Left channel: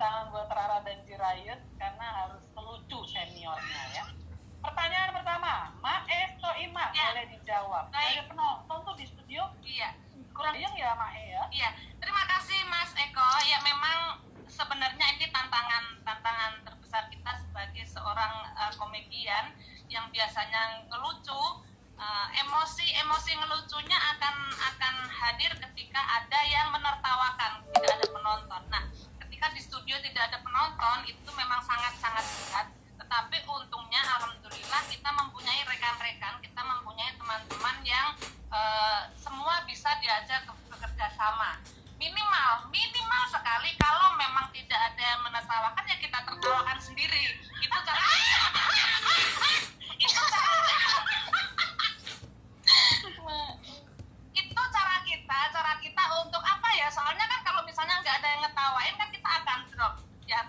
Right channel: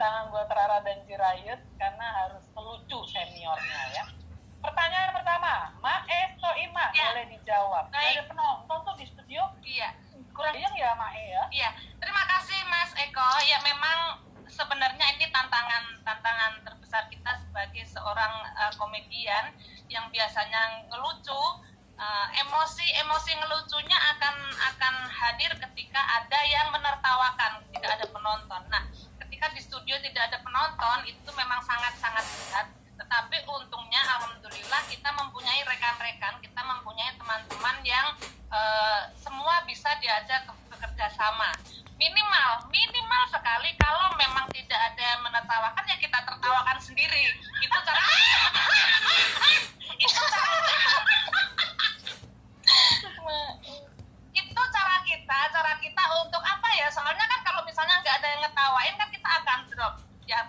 tantangan buat Rara dan Jirayut karena harus melucu seniornya ya. Pertanyaan pertama, Mae Soima, Ya. boleh dijawab. Baik. Ada penonton tuh di studio. Iya. Kurang ya Mae ya. Iya. Terima kasih Mas Eko. Ya memang sebenarnya ini tantangan terbesar kita sebagai seorang komedian yang biasanya ngelucu. Emosi ngelucunya akan hadir ketika ada yang menertawakan, tidak ada penonton. Nah, ketika di studio tidak ada penonton itu memang sangat-sangat berat. Tetapi untungnya alhamdulillah kita mempunyai rekan-rekan, kita mempunyai teman-teman yang semua bisa diajak bekerja sama. Minimal sekali kalau memang tidak ada yang menertawakan ya kita tertawakan sendiri. Itu cara cara kita untuk apa ya, soalnya kan kalau misalnya nggak ada yang ngetawain kan kita akan drop ya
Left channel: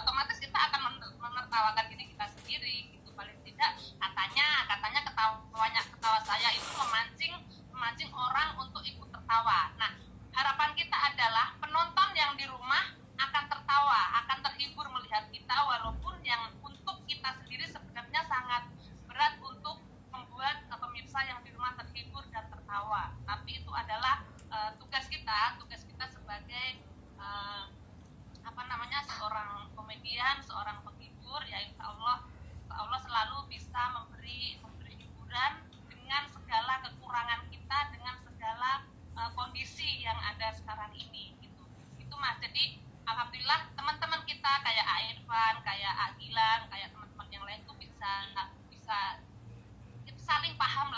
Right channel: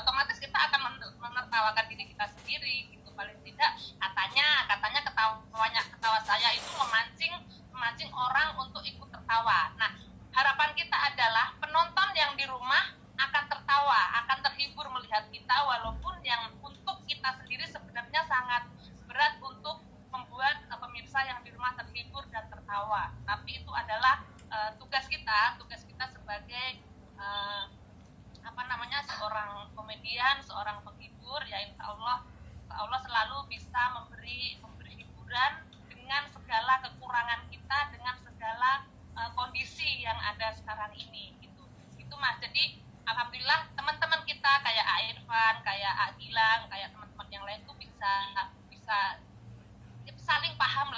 otomatis kita akan menertawakan diri kita sendiri gitu. Paling tidak katanya ketawa saya itu memancing orang untuk ikut tertawa. Nah, harapan kita adalah penonton yang di rumah akan tertawa, akan terhibur melihat kita, walaupun yang untuk kita sendiri sebenarnya sangat berat untuk membuat pemirsa yang di rumah terhibur dan tertawa. Tapi itu adalah tugas kita sebagai seorang komedian, seorang penghibur, ya insya Allah selalu bisa memberi hiburan dengan segala kekurangan kita, dengan segala kondisi yang ada sekarang ini gitu. Itu Mas. Jadi alhamdulillah teman-teman kita kayak Irfan, kayak Gilang, kayak teman-teman yang lain tuh bisa saling paham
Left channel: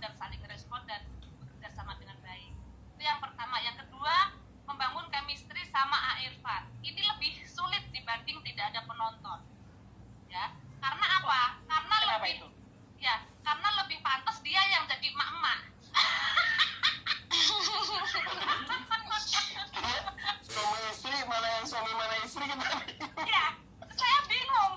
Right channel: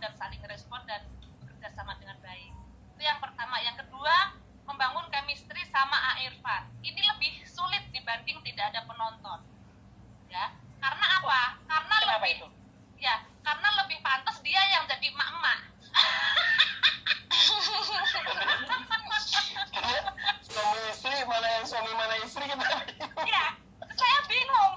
dan saling respon dan bekerja sama dengan baik. Itu yang pertama. Yang kedua, membangun chemistry sama Irfan. Ini lebih sulit dibanding tidak ada penonton. Ya. Karena apa? Karena lebih pantas dia yang jadi emak-emak. Suami istri, mana yang suami mana istri kita. Iya, saya bingung.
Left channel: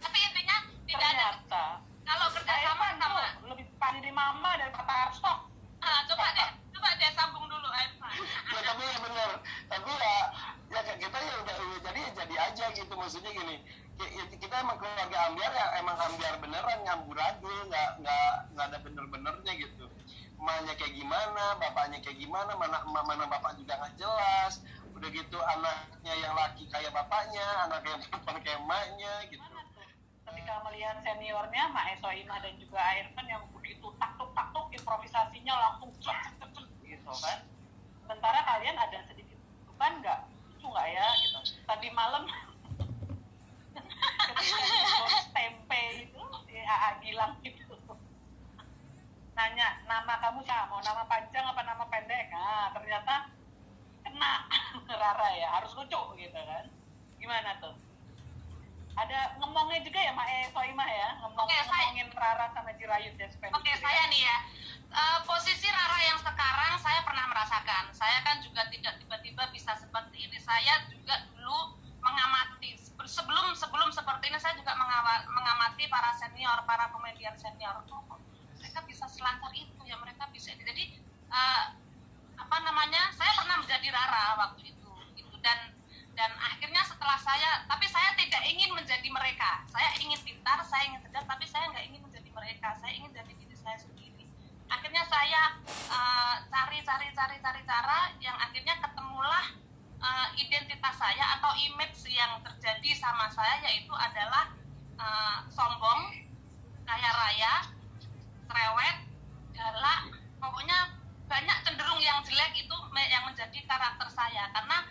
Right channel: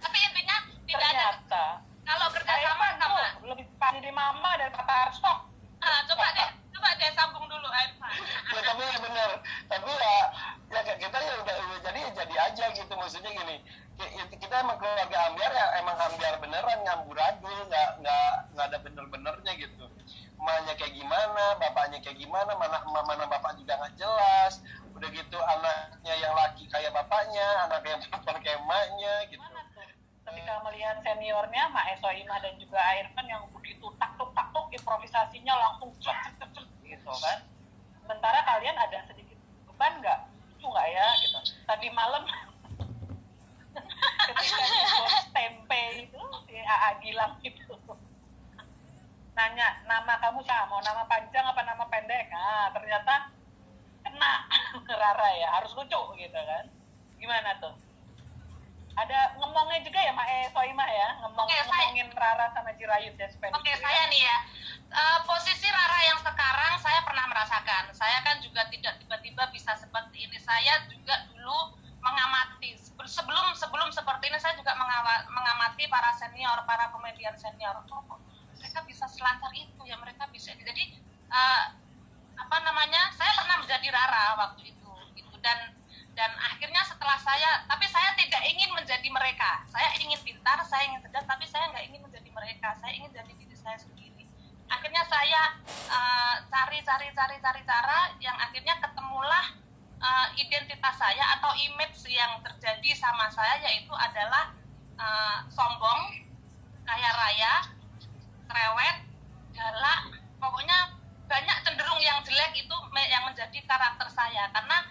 Tapi intinya tidak ada. Kalau kerjasama sama lebih pandai mama dari Pak Tarso. Coba deh sambung dulu Irfan. Ya, tapi benar. Tapi ya kita ya udah jadi aja gitu, maksudnya gini. Kita emang keluarga ambiar ya, emang ambiar beneran, ngamburadul, nggak ada bener-benernya gitu. Emaknya kayak gimana, bapaknya kayak gimana, mana bapak juga nggak jelas. Udah gitu anaknya yang laki kayak bapaknya, anaknya yang perempuan kayak emaknya gitu. Ketika melihat seniornya Mae Soima dan juga Irfan yang begitu taktuk improvisasinya langsung gitu kan. Sementara kalian ada sedikit beban nggak? Lucu nggak ya gitu. Tadi malam ketika di bos tempe itu si AA Gilang itu nanya, nama kamu siapa? Mau nama panjang apa nama pendek? Nah, ternyata kena Rara ya, harus lucu gitu kan. Gimana tuh? Ada ngomongnya juga ya Mae Soimah ya, ngomongin Rara sama Jirayut dan Spencer. Oke, saya nih ya. Posisi Rara yang sekarang saya pernah merasakan. Saya kan juga tidak tiba-tiba bisa seperti ini. Saya juga dulu mengamati sebelum seperti ini, saya juga mengamati para senior, para komedian senior. Oh, mereka bisa selancar itu ya, mereka bisa. Jadi saya pernah menjadi Rara waktu itu gitu. Dan akhirnya setelah tapi saya tidak ingin menjadi mereka. Saya ingin pintar, saya ingin cerdas, tapi saya nggak ingin menjadi mereka. Saya ingin jadi diri saya sendiri. Akhirnya saya cari cara yang akhirnya ketemulah identitas saya atau image yang terjadi sama saya, yaitu adalah sombong, kaya raya, cerewet, galak, pokoknya banyak cenderung yang jelek itu yang menjadi karakter saya. Karena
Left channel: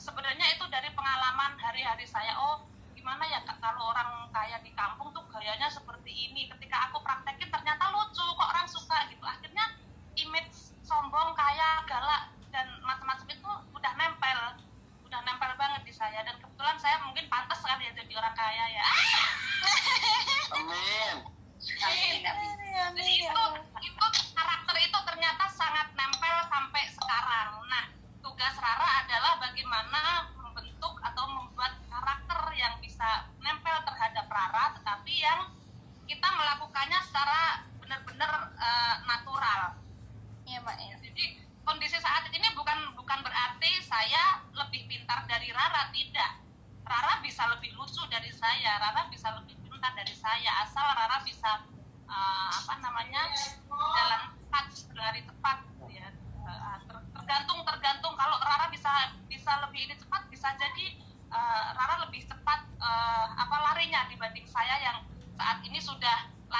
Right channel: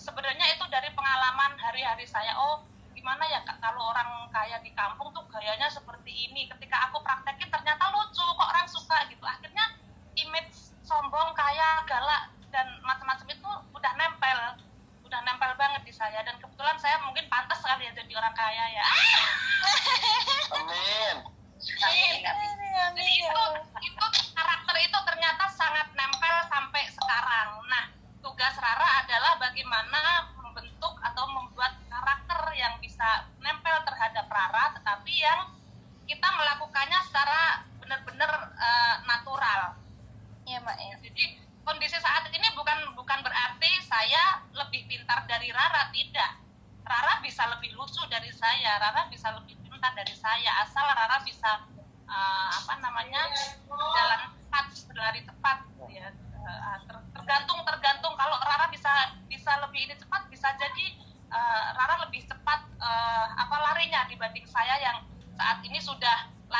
sebenarnya itu dari pengalaman hari-hari saya. Oh, gimana ya kalau orang kaya di kampung tuh gayanya seperti ini. Ketika aku praktekin ternyata lucu, kok orang suka gitu. Akhirnya image sombong, kaya, galak dan macam-macam itu udah nempel banget di saya. Dan kebetulan saya mungkin pantas sekali ya jadi orang kaya ya. Amin. Jadi itu karakter itu ternyata sangat nempel sampai sekarang. Nah, tugas Rara adalah bagaimana membentuk atau membuat karakter yang bisa nempel terhadap Rara, tetapi yang kita melakukan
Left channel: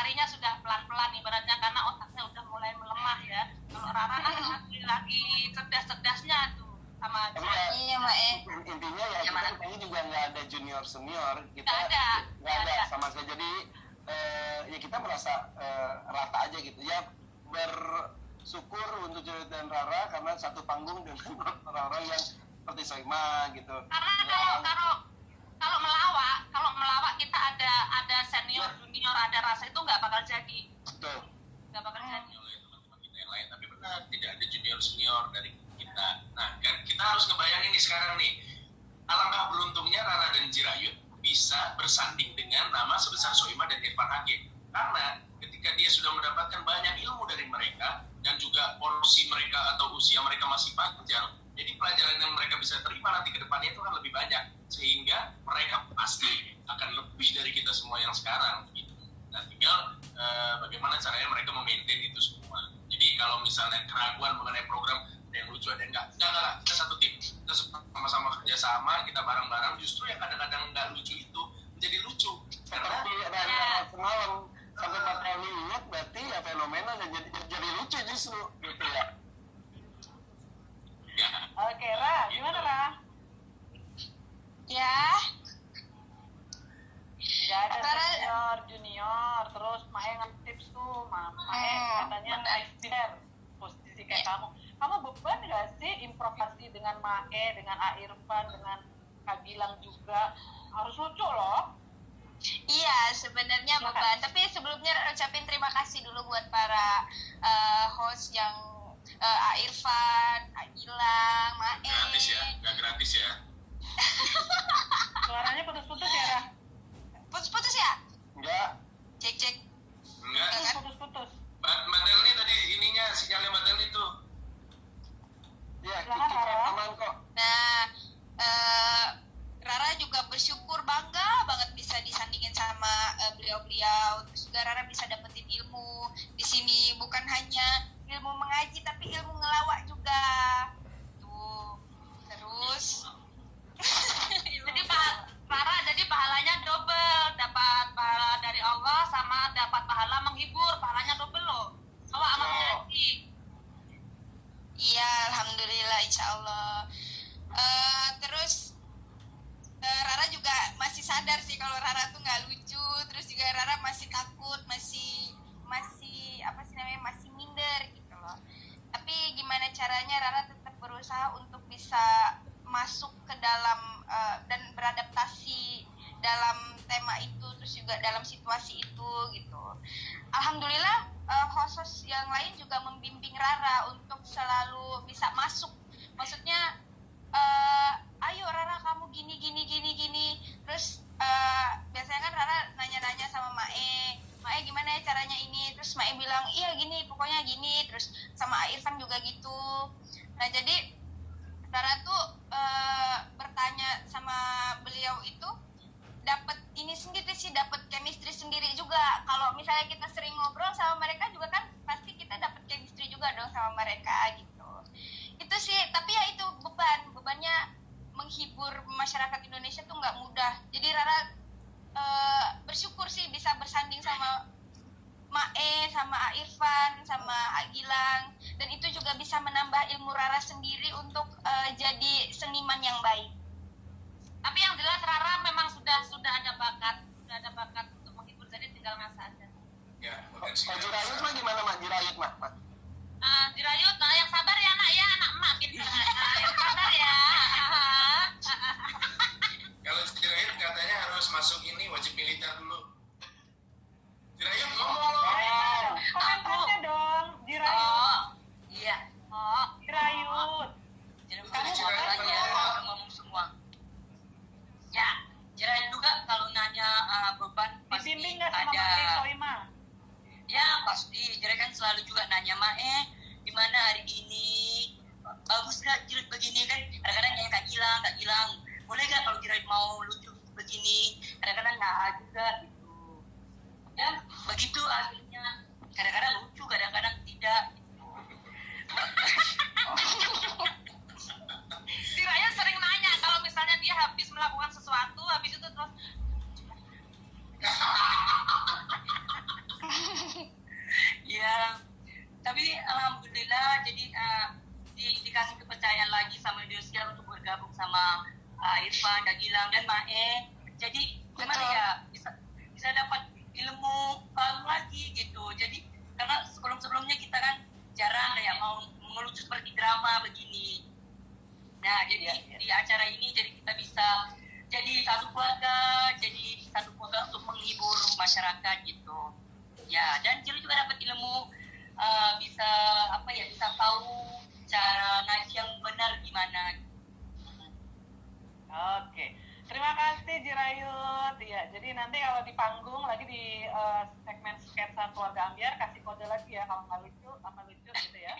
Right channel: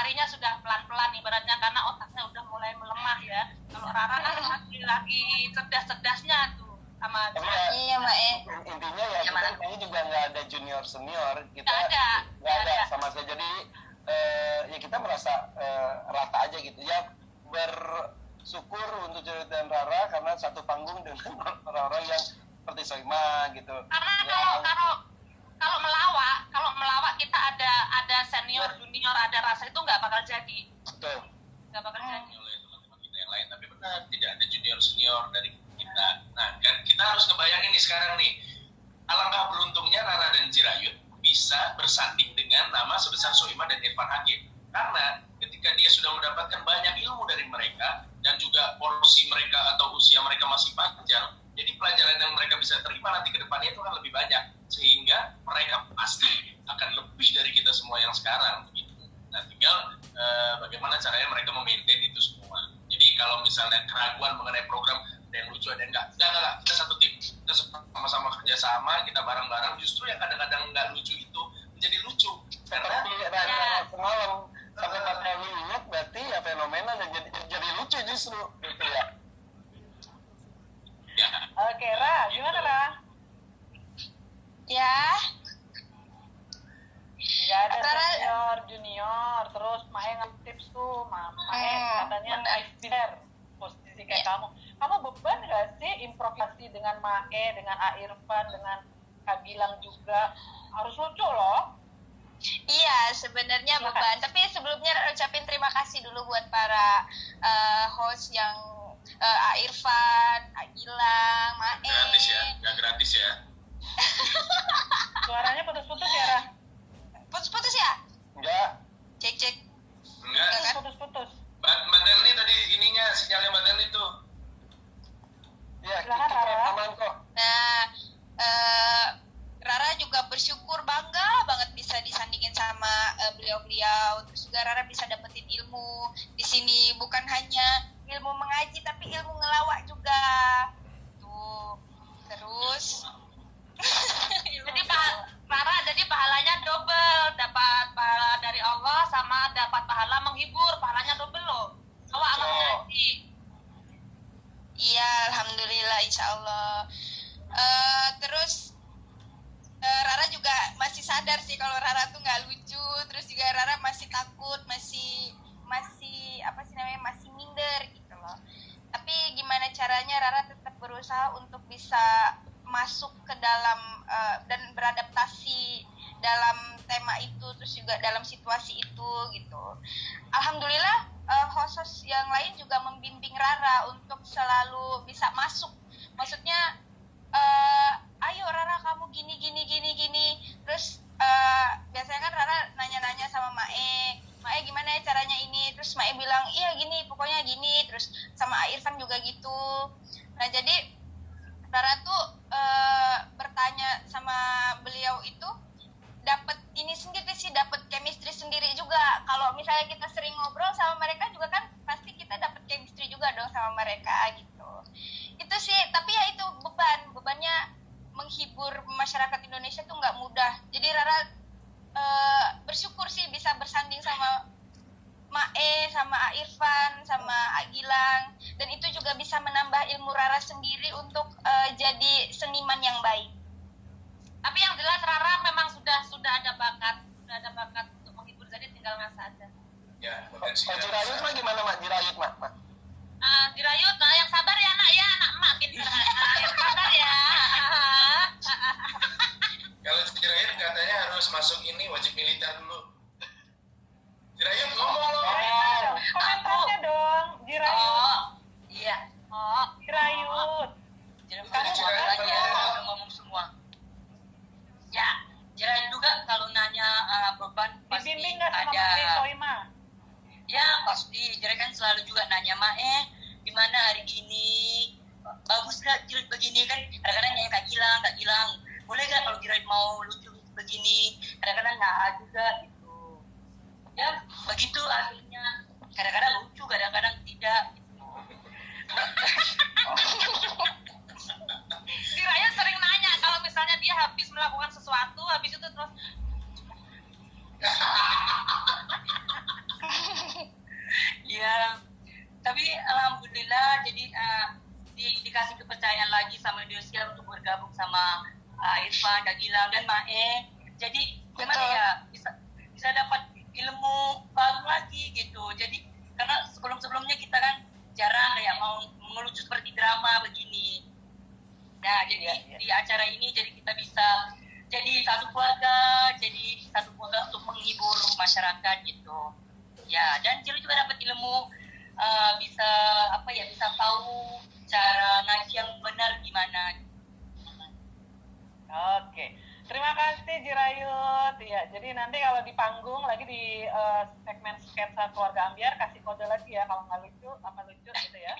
larinya sudah pelan-pelan ibaratnya karena otaknya udah mulai melemah ya. Kalau Rara kan lagi cerdas-cerdasnya tuh sama Iya, intinya ya kita ini juga nggak ada junior senior, kita nggak ada sama sekali. Jadi ya kita merasa rata aja gitu ya, bersyukur untuk Joy dan Rara karena satu panggung dengan orang-orang yang seperti Soima gitu. Karena kalau melawak kita ada senior junior ada rasa itu nggak bakal jadi. Betul. Nggak bakal jadi. Oleh teman-teman kita yang lain, tapi benar tidak ada junior senior dari kita. Nah, kan kita harus ngebayangin nih sekarang nih, alangkah beruntungnya Rara dan Jirayut bisa bersanding dengan nama sebesar Soima dan Irfan Hakim. Karena ketika dia sudah mendapatkan banyak ilmu dari mereka dan juga porsi mereka atau usia mereka masih panjang, jadi pelajaran yang mereka bisa terima nanti ke depannya itu akan lebih banyak, sehingga mereka pasti akan lebih dari kita semua yang sekarang gitu. Nah, tinggal bagaimana caranya mereka memaintain itu semua. Jadi kalau misalnya keraguan mengenai program ada yang lucu ada yang enggak, kita satu tim, kita sama-sama kerjasama, kita bareng-bareng, justru yang kadang-kadang enggak lucu itu menjadi lucu karena semalam sampai Pak Rani ingat berarti ya fenomena dan jadi lucu justru gitu ya. ya. Oke, Ra, gimana Ra? Ya, Nggak ada senior, junior, terus Mae nge-tips tuh, Mae katanya expert posisi kayak kamu. Kamu beban nggak sih improvisasi dengan Mae, dengan A Irfan, dengan Kak Gilang juga? Harus lucu loh. iya sebenarnya beban. Tapi sebelumnya ucapin terima kasih dulu buat para host yang A Irfan, A Gilang, Mae. Gratis ya, nggak gratis ya. Suaranya putus-putus ya, Ra? Putus-putus ya? Enggak. Cek. Enggak. Putus-putus. Mbak Delni tadi ininya sinyalnya Mbak Delni tuh. Ya, Silakan, kita Rara. aman kok. Nah, Rara juga bersyukur bangga banget bisa disandingin sama beliau-beliau. Terus juga Rara bisa dapetin ilmu di sini, bukan hanya ilmu mengaji tapi ilmu ngelawak juga. Tuh. Terus Jadi Rara jadi pahalanya double, dapat pahala dari Allah sama dapat pahala menghibur, pahalanya double loh. Awak amal mengaji. iya, alhamdulillah insyaallah. Terus Rara juga masih sadar sih kalau Rara tuh nggak lucu, terus juga Rara masih takut, masih apa sih namanya, masih minder gitu loh. Tapi gimana caranya Rara tetap berusaha untuk bisa masuk ke dalam dan beradaptasi dalam tema itu, terus juga dalam situasi itu gitu. Alhamdulillah host yang lain juga membimbing Rara untuk selalu bisa masuk. Maksudnya ayo Rara kamu gini. Terus biasanya kan Rara nanya-nanya sama Mae gimana ya caranya ini, terus Mae bilang iya gini, pokoknya gini. Terus sama Irfan juga gitu. Nah jadi Rara tuh bertanya sama beliau itu dapat ini sendiri sih, dapat chemistry sendiri juga. Kalau misalnya kita sering ngobrol sama mereka juga kan pasti kita dapat chemistry juga dong sama mereka gitu. Itu sih, tapi ya itu bebannya menghibur masyarakat Indonesia tuh nggak mudah. Jadi Rara bersyukur sih bisa bersanding sama Mae, sama A Irfan, sama A Gilang, dan itu juga bisa menambah ilmu Rara sendiri untuk jadi seniman yang baik. Tapi yang jelas Rara memang sudah ada bakat untuk menghibur, jadi tinggal ngasah aja. Ya, potensi. Jirayut mah gimana Mak? Jirayut Mak? Jirayut, yang sabar ya anak emak pintar. Yang sabar ya. Kalau Jirayut katanya harus masuk ini wajib militer dulu. Jirayut ngomong loh. Komentarnya dong, Jirayut. Iya. Jirayut. Kamu udah ngomong semua. Ya, Jirayut juga kalau nanya beban pasti Dibimbing nggak sama ada. Mae Soima? Ya pasti, Jirayut kan selalu juga nanya Mae, gimana hari ini? Bagus gak Jirayut begini kan? Kadang-kadang nanya Kak Gilang, boleh gak kalau Jirayut mau lucu begini? Kadang-kadang nggak juga gitu. Ya begitu akhirnya. Kadang-kadang lucu, kadang-kadang tidak. Gitu. Jirayut sering nanya kalau misalnya dia habis melakukan sesuatu, habis itu terus Kak Irfan, Kak Gilang, dan Mae. Jadi gimana Betul. ya, bisa dapat ilmu baru lagi gitu. Jadi karena sebelumnya kita kan jarang ya mau melucu seperti drama begini. Nah, jadi di acara ini jadi kita bisa jadi satu keluarga untuk menghibur masyarakat gitu. Ya, dan Cil juga dapat ilmu bisa bisa tahu cara ngaji yang benar gimana. Oke, terima kasih Jirayut. Ya, jadi nanti kalau di panggung lagi di segmen sketsa keluarga Ambiar kasih kode lagi ya kalau nggak lucu sama lucu gitu ya.